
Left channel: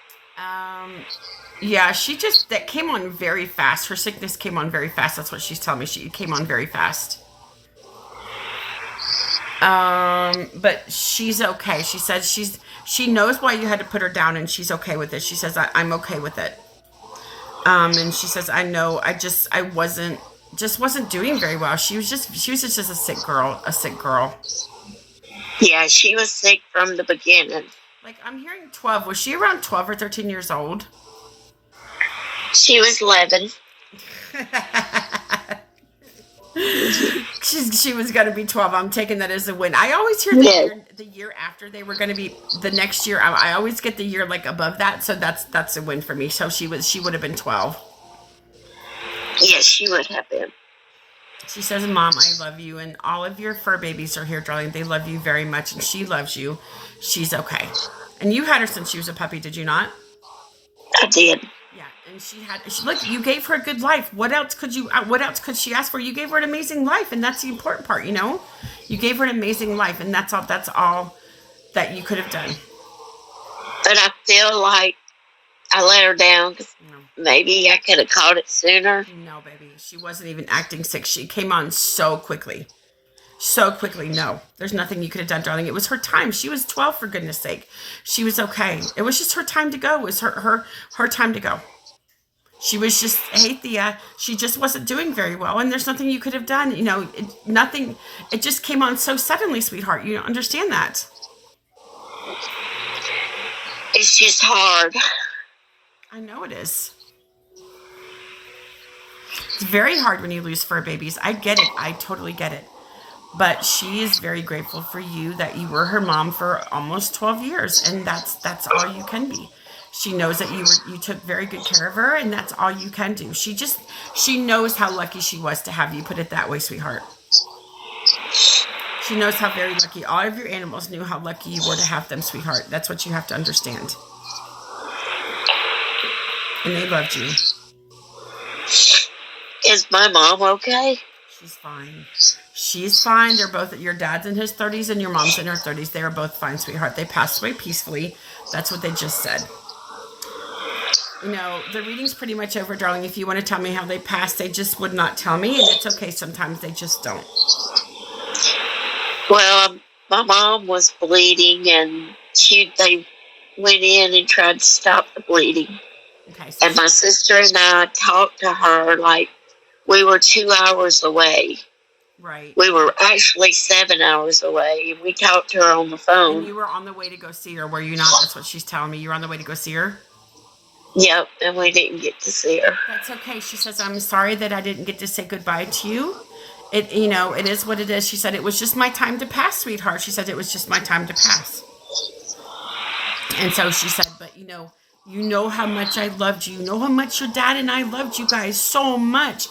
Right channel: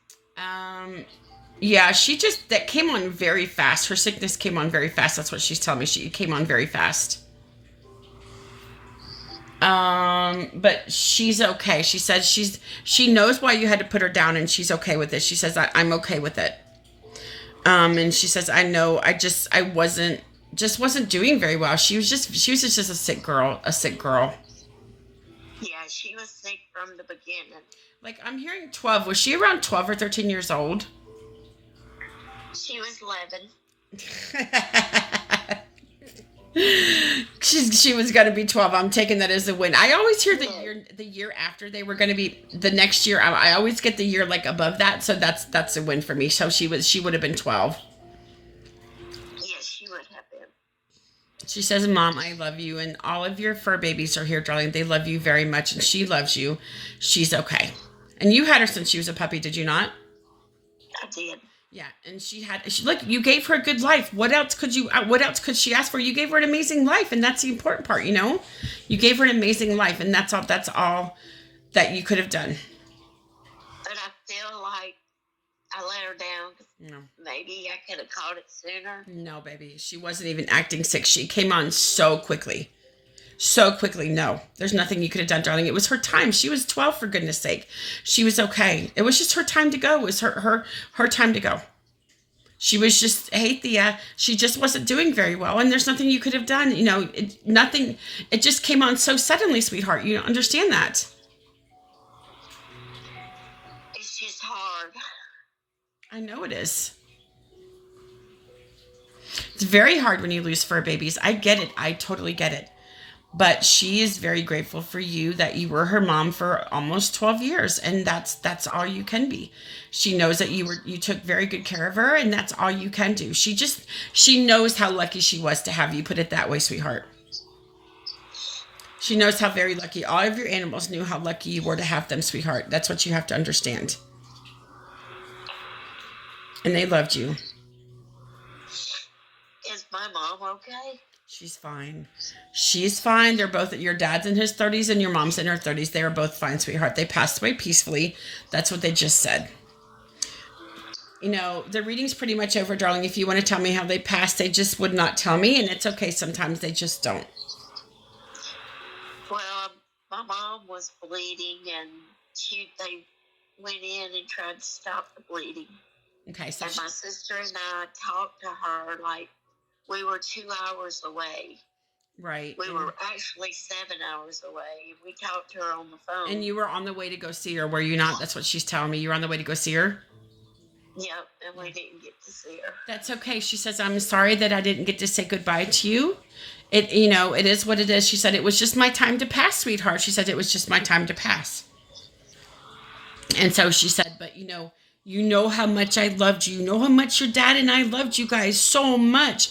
Yeah, that came on very fast. Her sickness came on very fast. That's what she's telling me. She came on very fast. But she's okay. She said she knows why you had to put her down and she's okay with it. She says, I'm okay with it. And she says, I know, I wasn't doing very well. She was just a sick girl. Yeah, she was sick from the beginning. Like, I'm hearing 12. Was she around 12 or 13 years old? She was 11. She was going to be 12. I'm taking that as a win. I always hear the year after they were going to be the next year. I always get the year like above that. So that's a win for me. So she would have been 12. Yes, she would have been. She says, Mom, I love you. And all of your fur babies are here, darling. They love you very much. And she loves you. She's okay. And you had her since she was a puppy, did you not? I did. Yeah. And look, you gave her a good life. What else could she ask for? You gave her an amazing life. And that's the important part, you know? You gave her an amazing life. And that's all that you could have done. But I feel like I let her down. No. Maybe I could have caught it sooner. No, baby. She wasn't even acting sick. She came on so quickly. So quickly. No, there's nothing you could have done, darling. It was her time. She was 12, for goodness sake. She was okay. It was just her time to go. It was her time to go. She was just, hey, Thea, she just wasn't doing very well. And there's nothing you could have done. You know, nothing. It just came on so suddenly, sweetheart. You don't understand that. It's just hard. I know it is. It's very hard when you lose fur babies. I get it. I totally get it. But she is very grateful for you that you were her mom for almost 12 years. And that's all you can be. She knows that you took very good care of her, and that's all you can do. She knows how lucky she was to have you, put it that way, sweetheart. She knows how very lucky. All of your animals knew how lucky you were to have them, sweetheart. That's what you have to understand. And they loved you. Is my mom okay? She's fine. She's fine. They're both, your dad's in his 30s and your mom's in her 30s. They are both fine, sweetheart. They passed away peacefully. That's what they just said. You know, the reading's pretty much over, darling. If you want to tell me how they passed, they just would not tell me. And it's okay. Sometimes they just don't. Well, my mom was bleeding, and they went in and tried to stop the bleeding. Okay. So And my sister and I talked to her like we were 2 hours away. right. We were actually 7 hours away. We talked to her on the And phone. you were on the way to go see her, were you not? That's what she's telling me. You were on the way to go see her? Yep, and we didn't get to see her. That's okay. She says, I'm sorry that I didn't get to say goodbye to you. It is what it is. She said, it was just my time to pass, sweetheart. She said, it was just my time to pass. And so she said, but you know how much I loved you. You know how much your dad and I loved you guys so much.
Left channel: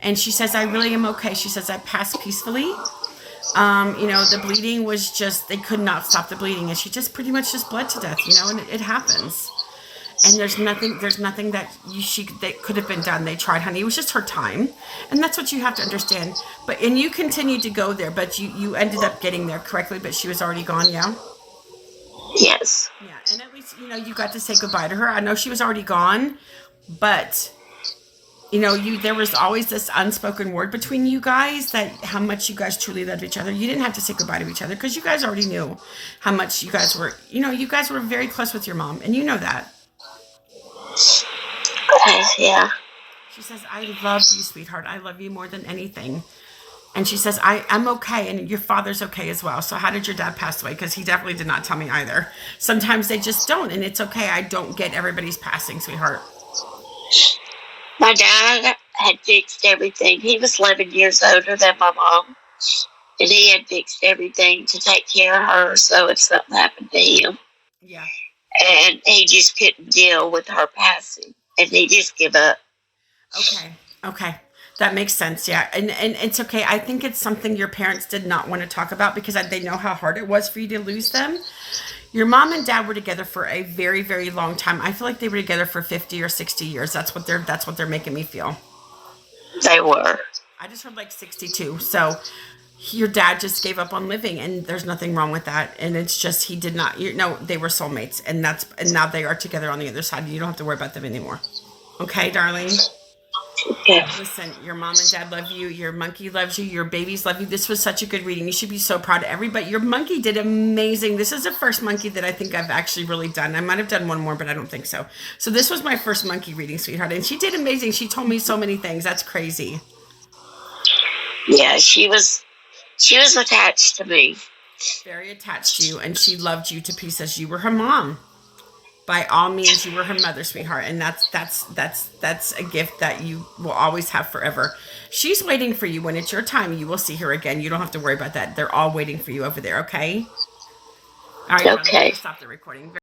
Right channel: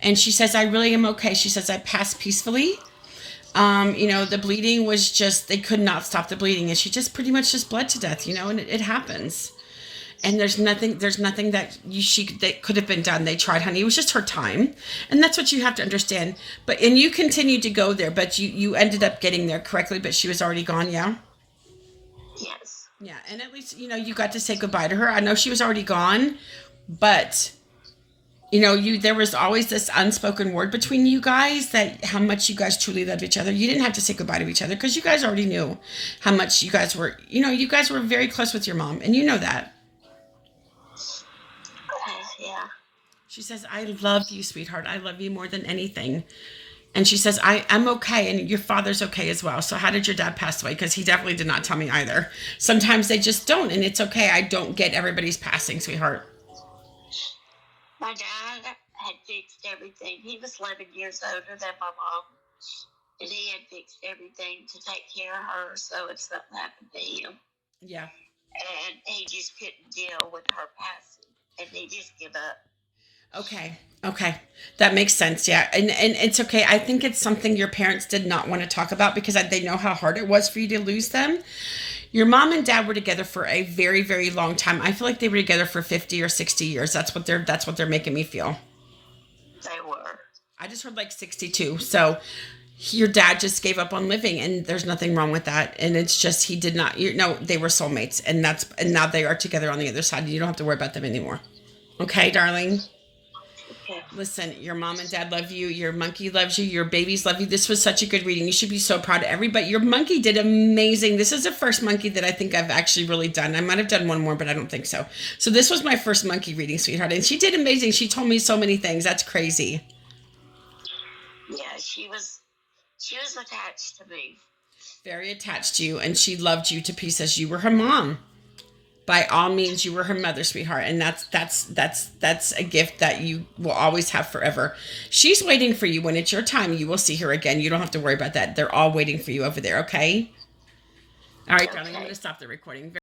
And she says, I really am okay. She says, I passed peacefully. The bleeding was just, they could not stop the bleeding. And she just pretty much just bled to death, and it happens. And there's nothing that that could have been done. They tried, honey. It was just her time. And that's what you have to understand. And you continued to go there, but you ended up getting there correctly, but she was already gone, yeah? Yes. Yeah, and at least, you got to say goodbye to her. I know she was already gone, but, there was always this unspoken word between you guys that how much you guys truly loved each other. You didn't have to say goodbye to each other because you guys already knew how much you guys were, you guys were very close with your mom, and you know that. Yeah. She says, I love you, sweetheart. I love you more than anything. And she says, I'm okay, and your father's okay as well. So how did your dad pass away? Because he definitely did not tell me either. Sometimes they just don't, and it's okay. I don't get everybody's passing, sweetheart. My dad had fixed everything. He was 11 years older than my mom, and he had fixed everything to take care of her, so if something happened to him. Yeah. And he just couldn't deal with her passing, and he just gave up. Okay. That makes sense, yeah. And it's okay. I think it's something your parents did not want to talk about because they know how hard it was for you to lose them. Your mom and dad were together for a very, very long time. I feel like they were together for 50 or 60 years. That's what they're making me feel. They were. I just heard like 62. So your dad just gave up on living, and there's nothing wrong with that. And it's just he did not. They were soulmates, and now they are together on the other side. You don't have to worry about them anymore. Okay, darling. Yeah. Listen, your mom and dad love you. Your monkey loves you. Your babies love you. This was such a good reading. You should be so proud of everybody. Your monkey did amazing. This is the first monkey that I think I've actually really done. I might have done one more, but I don't think so. So this was my first monkey reading, sweetheart. And she did amazing. She told me so many things. That's crazy. Yeah, she was attached to me. Very attached to you. And she loved you to pieces. You were her mom. By all means, you were her mother, sweetheart, and that's a gift that you will always have forever. She's waiting for you. When it's your time, you will see her again. You don't have to worry about that. They're all waiting for you over there, okay? All right, Okay. stop the recording.